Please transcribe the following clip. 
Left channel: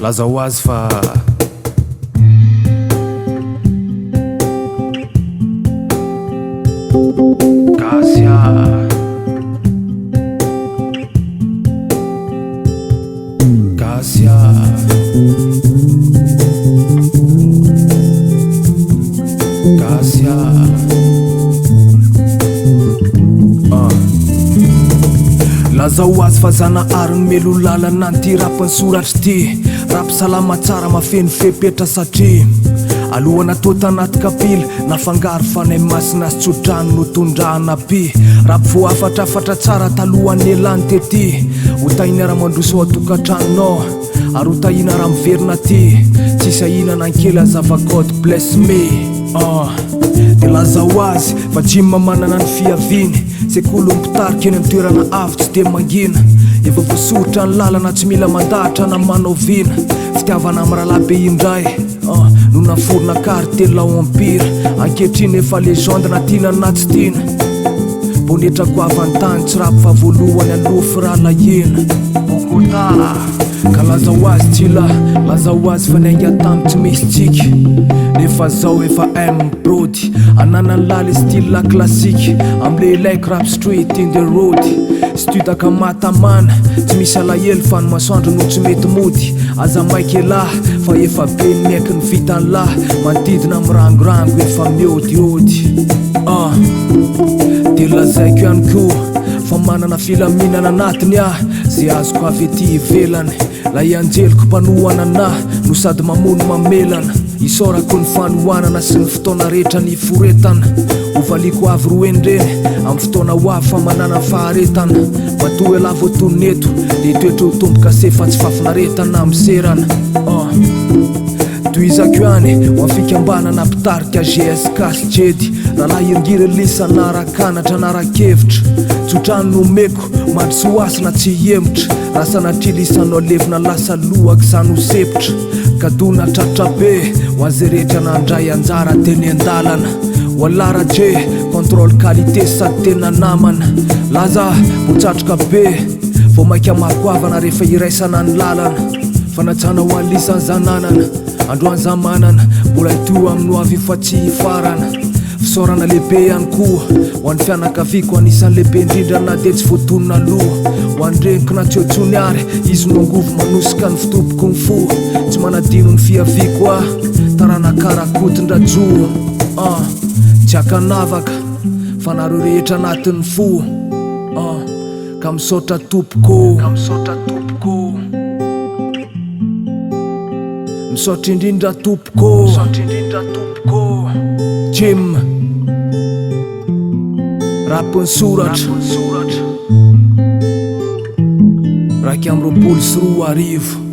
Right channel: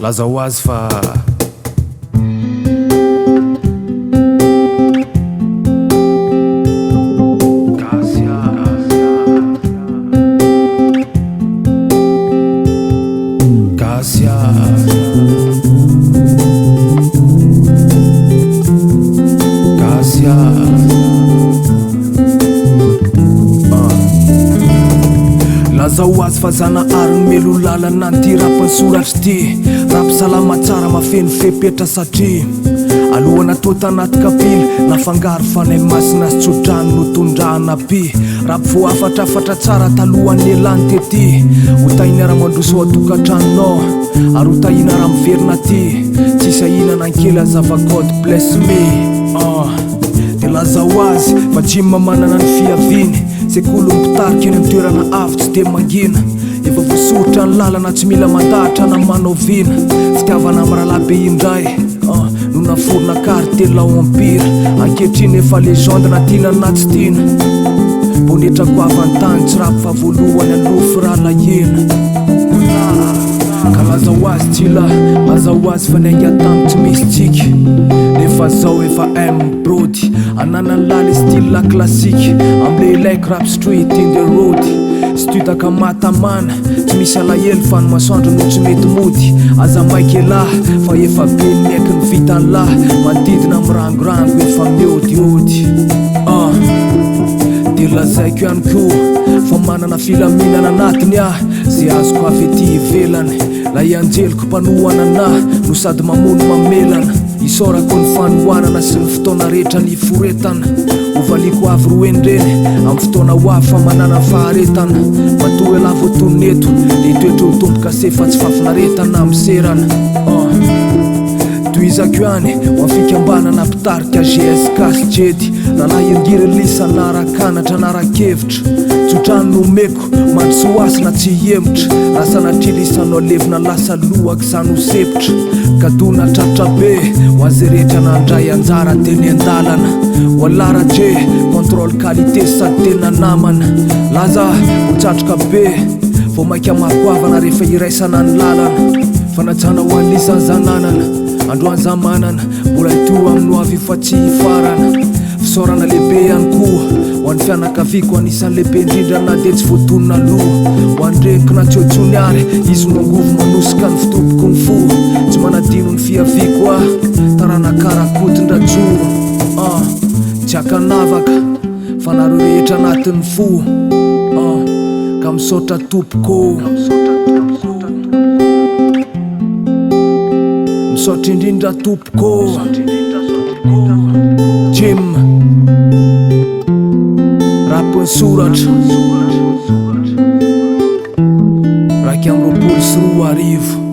Lazawazi fa Kasia Lazawazy fa zana ariny melo lalana ty rapiny soratry ty rapy salama tsara mafeny fepetra satria alohana tô tanaty kapily nafangaro fanay masina sy tsodrano no tondrahana py rapy vo afatrafatra tsara talohan'ny elany tety ho tahiny ara-mandroso atokantranonao ary ho tahina raha miverina ty tsisy ahinana ankely azava God bless me de Lazawazy fa jima manana ny fiaviny sekolo mipitarika eny amin'ny toerana avy tsy de mangina efa voasoritra ny lalana tsy mila mandahatra na manao vina fitiavana amin'ny rahalabe indray no naforona kartela ao empira ankehitriny efa legende na tiana na tsy tiana bonetrako avantany tsy rapy fa voalohany alofo raha lahena ka Lazawazy tsila Lazawazy fa nainga tamy tsy misy tsika nefa zao efa brody ananany lala style classique amle ilaiko rap street in the road studaka matamana tsy misy alahelo fa ny masoandro no tsy mety mody aza maiky elahy fa efa be ny maiky ny vitany lahy manodidina amin'ny rangorango efa miodiody de lazaiko ihany koa fa manana filaminana anatiny zay azoko avy ety ivelany la ianjeliko mpanohana anahy no sady mamono mamelana isorako ny fanohanana sy ny fotoana rehetra ny foretana hovaliko avy roenyreny amin'ny fotoana ho avy fa manana faharetana matoa ela voatoneto de toetra ho tomboka se fa tsy fafinaretana miserana toizako ihany ho afikambanana mpitarika GSK sy jedy rahalahy iringiry lisa narakanatra narakevitra tsotrano no meko mandry soasina tsy hemitra raha sanatrillisanao levina lasa lohaka zany ho sepitra kadona tratra be ho azy rehetra nandray anjara teny an-dalana ho alaratre contrôle qualité sady tena namana laza voatsatroka be vo maika makoavana rehefa iraisana ny lalana fanatsana ho an'lisany zananana androany zamanana mbola ito amin'ny ho avy fa tsy hifarana fisaorana lehibe ihany koa ho an'ny fianakaviako anisan'ny lehibe indrindra na de tsy voatonona loha ho an'regniko na tsy otsony ary izy no angovo manosika ny fitopoko ny fo tsy manadino ny fiaviko tarana karakotondra-jo tsy akanavaka fa nareo rehetra anatin'ny fo ka misaotra tompoko misaotra indrindra tompoko Jim rapiny soratra raiky amby roapolo sy roa arivo